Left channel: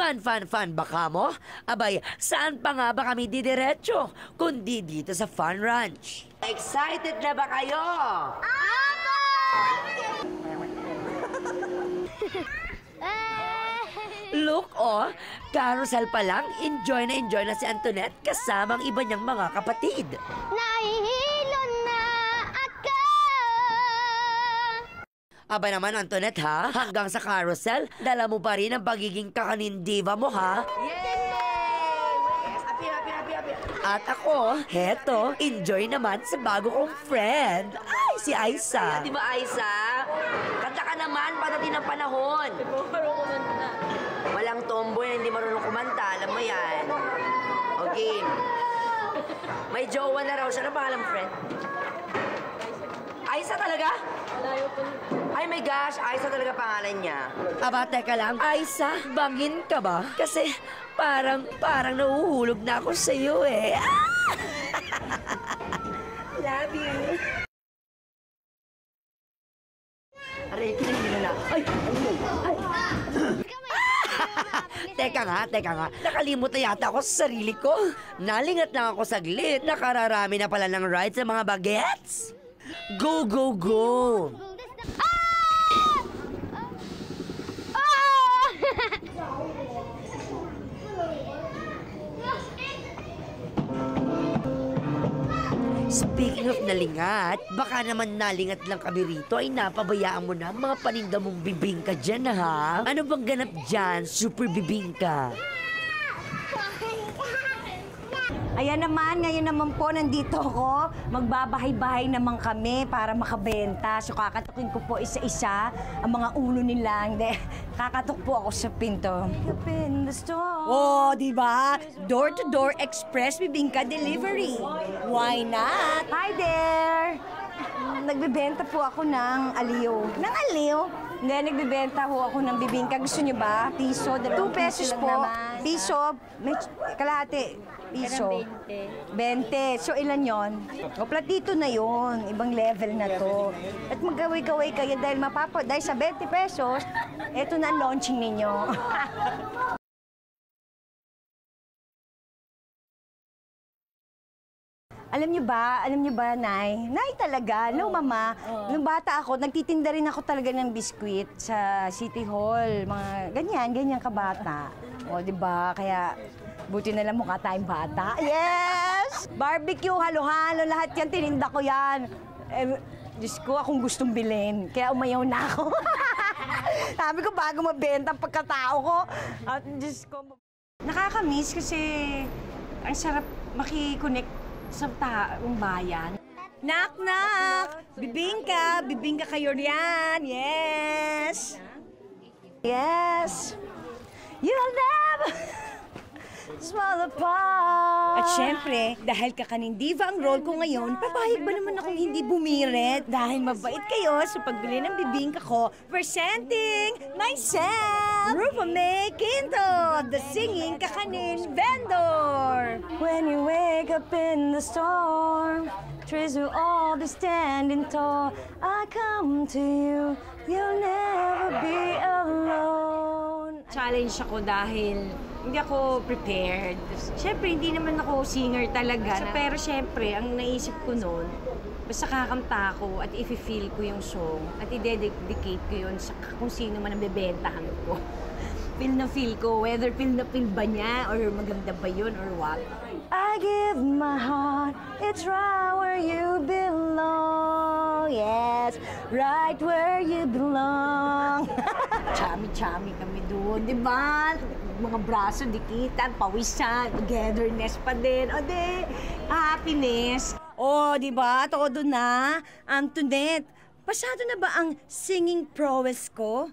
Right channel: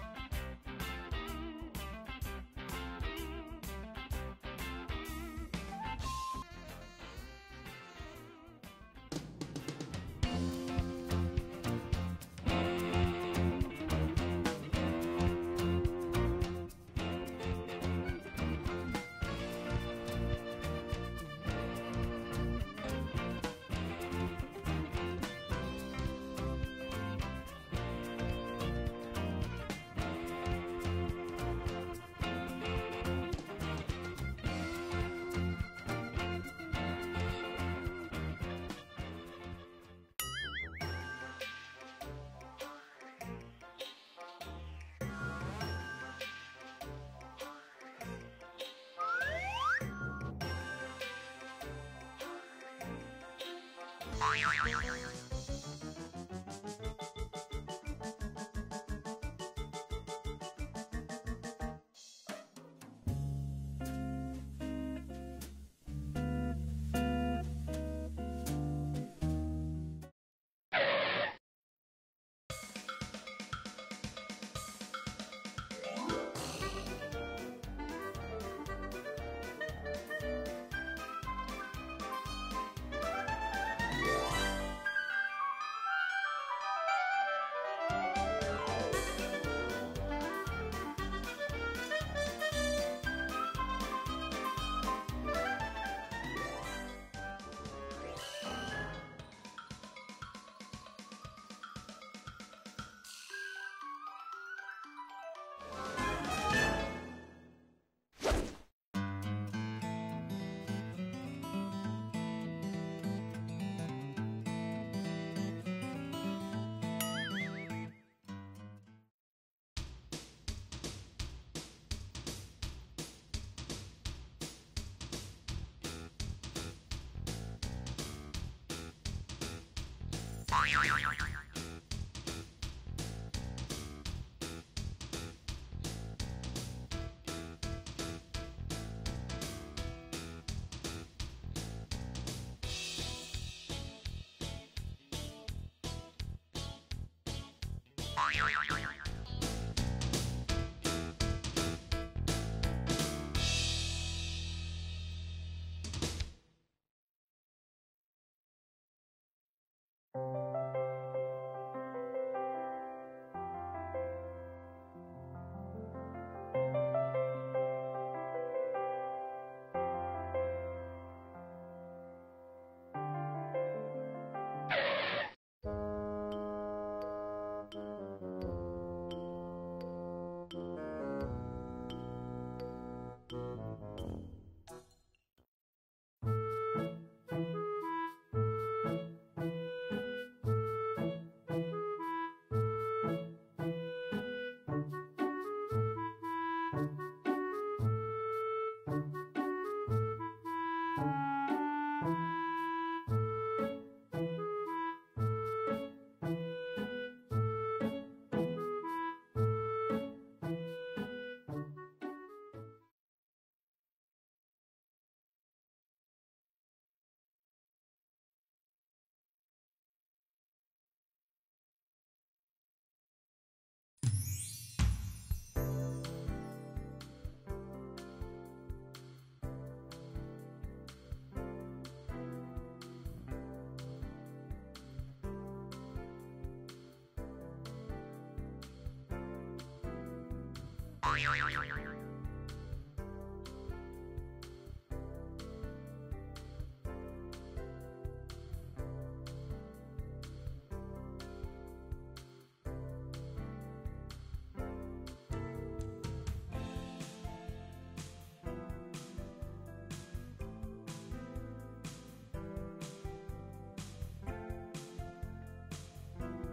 Fun baka mo? Abay, saan pa nga ba kami didiretso? Kundi dito sa Fun Ranch. Excited na ba kayo? Look, carousel pa lang, enjoy na si Antoinette kasamang iba niyang mga kapatid. Nahihilo na ako! Aba naman, Antoinette, ha? Hanggang sa carousel, dala mo pa rin ang pagiging kakanindiva mo, ha? At ako, heto, enjoy naman sa bago kong friend. Ay, si Aiza. Di ba, Aiza? Kanta ka naman, patatin ang panahon. Marunong kumanta. Walang tomboy na hindi marunong kumanta, alam mo yan. Okay. May jowa na raw siya. Ano pangalan mo, friend? Aiza talaga? Ay my gosh, Aiza talaga pangalan niya. Aba, teka lang. Aiza, bangin ka ba? Kasi parang nahuhulog na ako sa'yo eh. Love you. Aray, hindi na. Ay! Teka nga. Nakalimot na yata ako sa sarili ko. Nalingat lang ako saglit. Nakararami na pala ng ride sa mga bagets. Go, go, go! Speaking of nalingat, baka naman nalingat lang kami rito ay napabayaan mo na mga paninda mong bibingka dyan, ha? Ano bang ganap dyan, super bibingka? Ayan naman, ngayon naman po nandito ako. Magbabahay-bahay naman kami para makabenta. So kakatukin ko po isa-isa ang mga ulo nila. Hindi, kakatok po ako sa pinto. Oh, di ba? Door-to-door express bibingka delivery. Why not? Hi there! Nagbebenta po ako ng aliyo. Ng aliyo? Hindi, nagbebenta po ako ng bibingka. Gusto niyo ba? Piso, 2 pesos po. Piso, may kalahati. Piso. 20. So, ilan yon? O, platito na yon. Ibang level na to. At magkaway-kaway kayo dahil dahil sa 20 pesos, eto na ang launching ninyo. Alam niyo ba, Nay? Nay talaga, no, Mama. Nung bata ako, nagtitinda rin ako talaga ng biskwit sa City Hall. Mga ganyan kabata. O, di ba? Kaya, buti na lang mukha tayong bata. Yes! Barbecue, halo-halo, lahat yan, tininda ko yan. Diyos ko, akong gustong bilhin. Kaya umayaw na ako. Sabi ko, bago mabenta ang pagkatao ko. At Diyos ko, nakakamiss kasi ang sarap makikonnect sa taong bayan. Knock, knock! Bibingka kayo riyan. Yes! Yes! You'll never small apart. At syempre, dahil kakanindiva ang role ko ngayon, papayag ba naman akong hindi bumirit? Dahil mabait kayo sa pagbili ng bibingka ko, presenting myself, Rufa May Quinto, the singing kakanin vendor. When you wake up in the storm, trees will all be standing tall. I come to you, you'll never be alone. Challenge ako dahil hindi ako prepared. Siyempre, hindi naman ako singer talaga. Pero siyempre, ang naisip ko noon, basta kakanta ko at i-feel ko yung song at i-dedicate ko yun sa kung sino man ang bebentahan ko. Feel na feel ko, whether feel na feel ba niya or maganda ba yun or what. I give my heart, it's right where you belong. Yes, right where you belong. Chami-chami kami doon, di ba? Mga braso, dikitan, pawisan, togetherness pa din. O di, happiness. O, di ba? Todo na. Antoinette, pasado na ba ang singing prowess ko?